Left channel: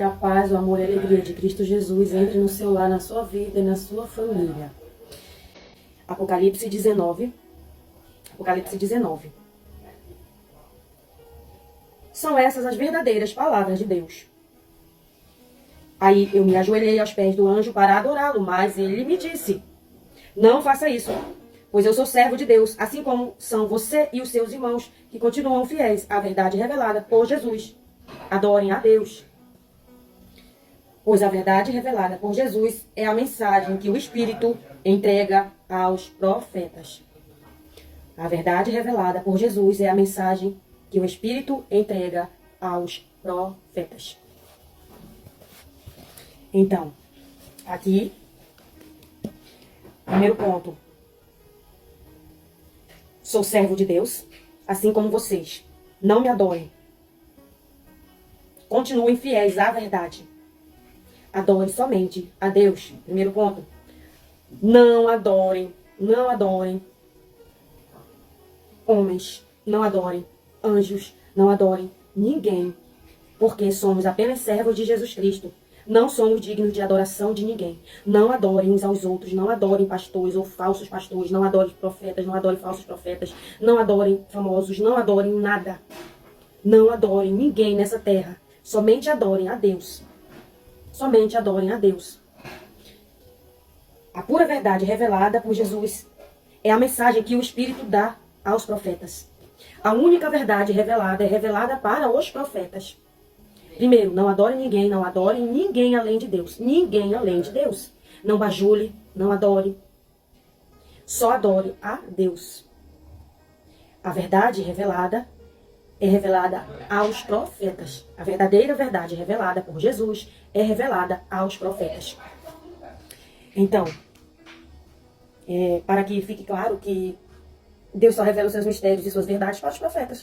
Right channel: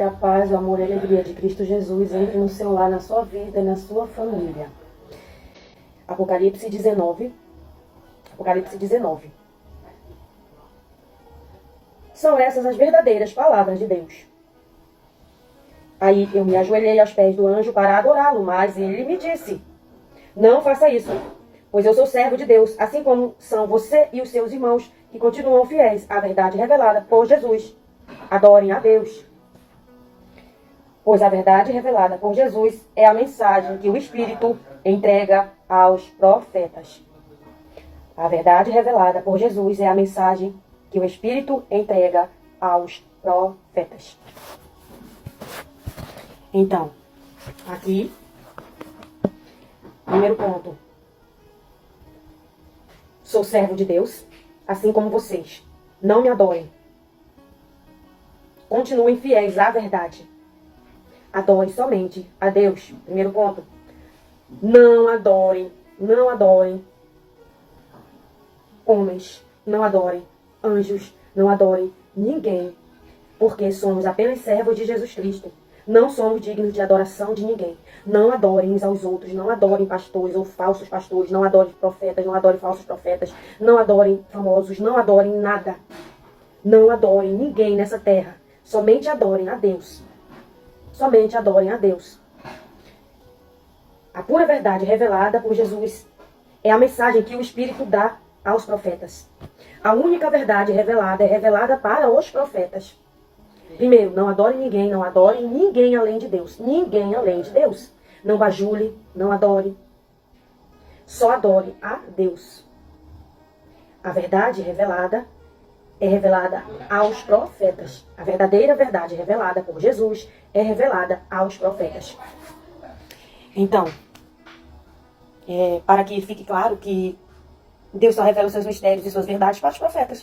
Que a paz, o amor e a alegria de Cristo Jesus entre no seu lar, na sua vida e na sua família. Apocalipse 19. Apocalipse 19. São essas as verdadeiras palavras de Deus. Aí eu me ajoelhei aos pés do anjo para adorá-lo, mas ele me disse: não faça isso, pois eu sou servo de Deus, assim como são você e os seus irmãos, que continuam fiéis à verdade revelada por Jesus. Adorem a Deus. Pois a verdade revelada por Jesus é a mensagem que o Espírito entrega aos profetas. A verdade revelada por Jesus é a mensagem que o Espírito entrega aos profetas. Então, aqui, primeiro ponto. Sou servo de Deus, assim como vocês. Não me adorem. Continuem fiéis à verdade. Adore somente a Deus. Primeiro ponto. Não adorem homens. Não adorem anjos. Não adorem ninguém. Porque somos apenas servos de Jesus Cristo. Não somos dignos de adoração de ninguém. Não adorem uns aos outros. Não adorem pastores ou falsos pastores. Não adorem profetas. Não adorem falsos profetas. Não adorem famosos. Não adorem nada. Não adorem ninguém nessa terra. Somente adorem a Deus. Somente adorem a Deus. A pura verdade revelada por Jesus é a mensagem que o Espírito dá aos profetas. A única verdade revelada é revelada para os profetas. Primeiro, não adore ninguém, não adore ninguém além de Deus. Ninguém além de Deus. Não bajule, não adore. Só adore a Deus. A verdade revelada é revelada aos profetas. A verdadeira verdade revelada por Jesus é revelada aos profetas. Então, para que fique claro que Deus só revela os seus mistérios e suas verdades para os profetas.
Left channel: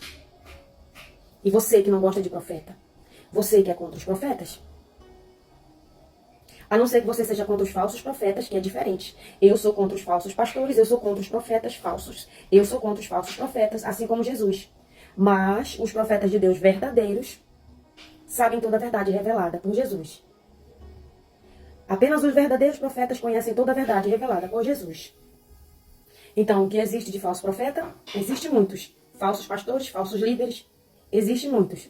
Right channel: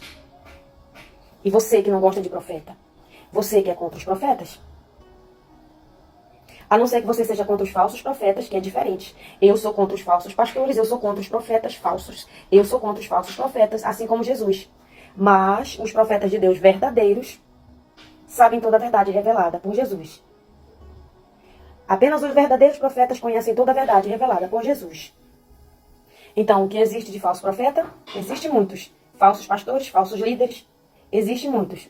E você que não gosta de profeta, você que é contra os profetas, a não ser que você seja contra os falsos profetas, que é diferente. Eu sou contra os falsos pastores, eu sou contra os profetas falsos. Eu sou contra os falsos profetas, assim como Jesus. Mas os profetas de Deus verdadeiros sabem toda a verdade revelada por Jesus. Apenas os verdadeiros profetas conhecem toda a verdade revelada por Jesus. Então, o que existe de falso profeta? Existe muitos. Falsos pastores, falsos líderes, existe muitos.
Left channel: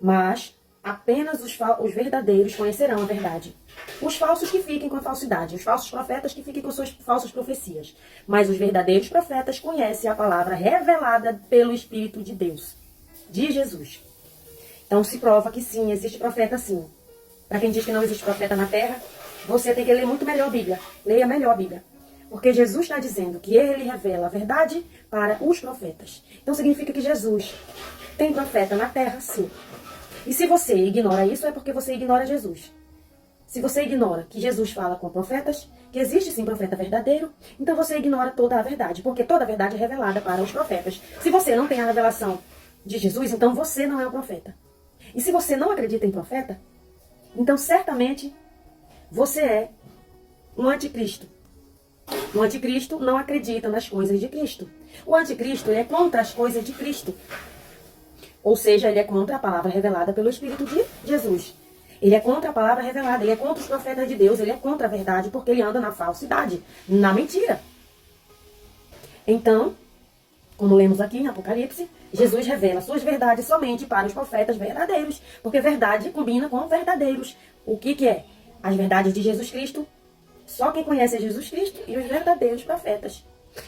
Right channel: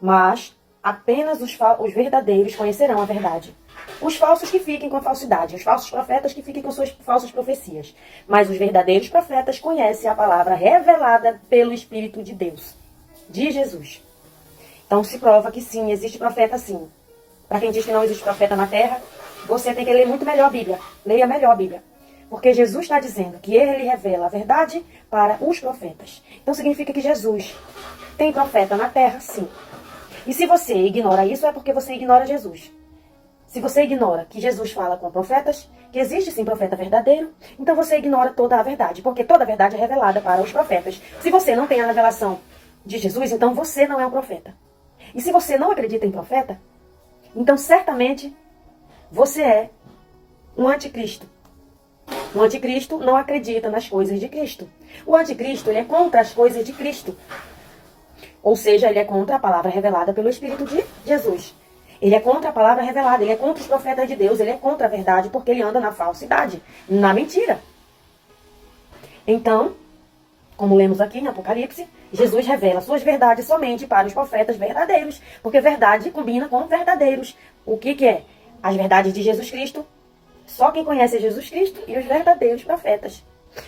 Mas apenas os verdadeiros conhecerão a verdade. Os falsos que fiquem com a falsidade, os falsos profetas que fiquem com suas falsas profecias. Mas os verdadeiros profetas conhecem a palavra revelada pelo Espírito de Deus, de Jesus. Então se prova que sim, existe profeta sim. Para quem diz que não existe profeta na terra, você tem que ler muito melhor a Bíblia. Leia melhor a Bíblia. Porque Jesus está dizendo que ele revela a verdade para os profetas. Então significa que Jesus tem profeta na terra, sim. E se você ignora isso, é porque você ignora Jesus. Se você ignora que Jesus fala com profetas, que existe sim profeta verdadeiro, então você ignora toda a verdade, porque toda a verdade é revelada para os profetas. Se você não tem a revelação de Jesus, então você não é um profeta. E se você não acredita em profeta, então certamente você é um anticristo. O anticristo não acredita nas coisas de Cristo. O anticristo, ele é contra as coisas de Cristo. Ou seja, ele é contra a palavra revelada pelo Espírito de Jesus. Ele é contra a palavra revelada, ele é contra os profetas de Deus, ele é contra a verdade, porque ele anda na falsidade, na mentira. Então, como lemos aqui em Apocalipse, Jesus revela suas verdades somente para os profetas verdadeiros, porque verdade combina com verdadeiros. O que é? As verdades de Jesus Cristo, só quem conhece Jesus Cristo e os verdadeiros profetas.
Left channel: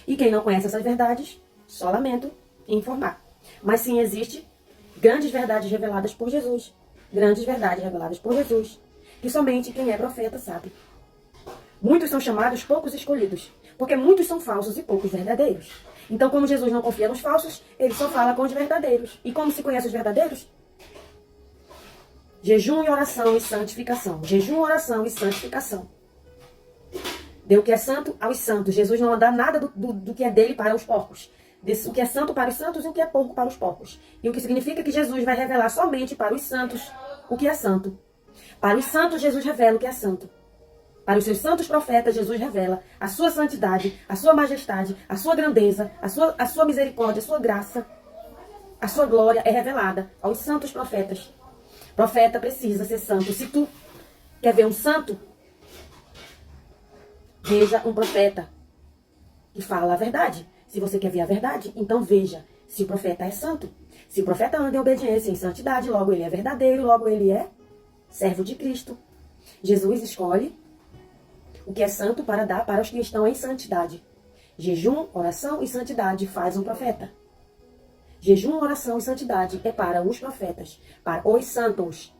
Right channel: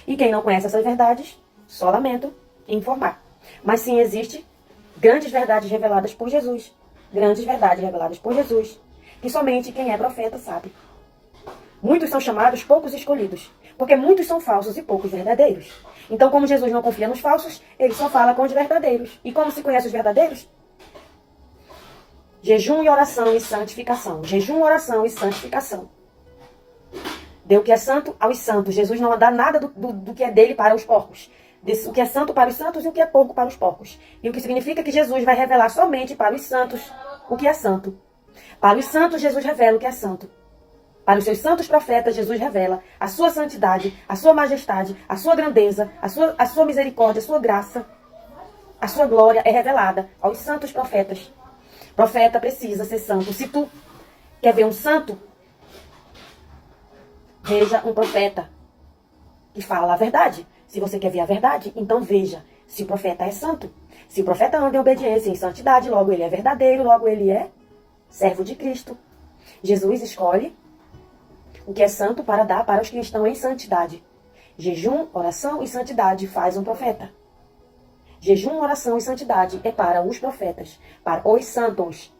E quem não conhece essas verdades, só lamento em informar. Mas sim, existe grandes verdades reveladas por Jesus. Grandes verdades reveladas por Jesus, que somente quem é profeta sabe. Muitos são chamados, poucos escolhidos, porque muitos são falsos e poucos verdadeiros. Então, como Jesus não confia nos falsos, ele só fala com os verdadeiros. E como se conhece os verdadeiros? Jejum e oração e santificação. Jejum, oração e santificação. Dê o que é santo aos santos. Jesus não dá nada do que é dele para os porcos. O que é santo para os santos e o que é porco para os porcos. E o que significa que Jesus vai revelar somente para os santos o que é santo. Para os santos, Jesus revela o que é santo. Para os seus santos profetas, Jesus revela a sua santidade, a sua majestade, a sua grandeza, a sua misericórdia, a sua graça. A sua glória é revelada aos santos profetas. Profeta precisa ser santo. Se tu quer ver um santo, veja um profeta que fala a verdade. Se você quer ver a verdade, então veja se o profeta é santo. Se o profeta anda em obediência e em santidade, logo ele é verdadeiro, logo ele é servo de Cristo. Jesus escolhe o que é santo para dar para os que estão em santidade. Jejum, oração e santidade faz um profeta. Jejum, oração e santidade é para os profetas, para os santos,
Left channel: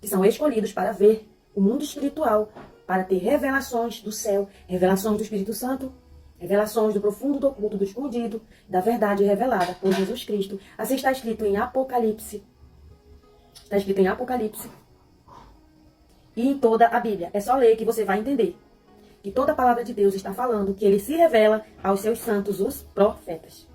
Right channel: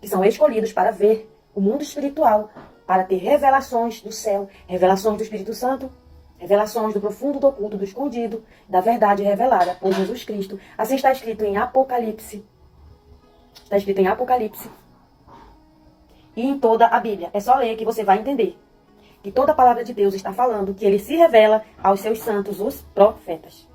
que são escolhidos para ver o mundo espiritual, para ter revelações do céu, revelações do Espírito Santo, revelações do profundo, do oculto, do escondido, da verdade revelada por Jesus Cristo. Assim está escrito em Apocalipse. Está escrito em Apocalipse. E em toda a Bíblia. É só ler que você vai entender que toda a palavra de Deus está falando que ele se revela aos seus santos, os profetas.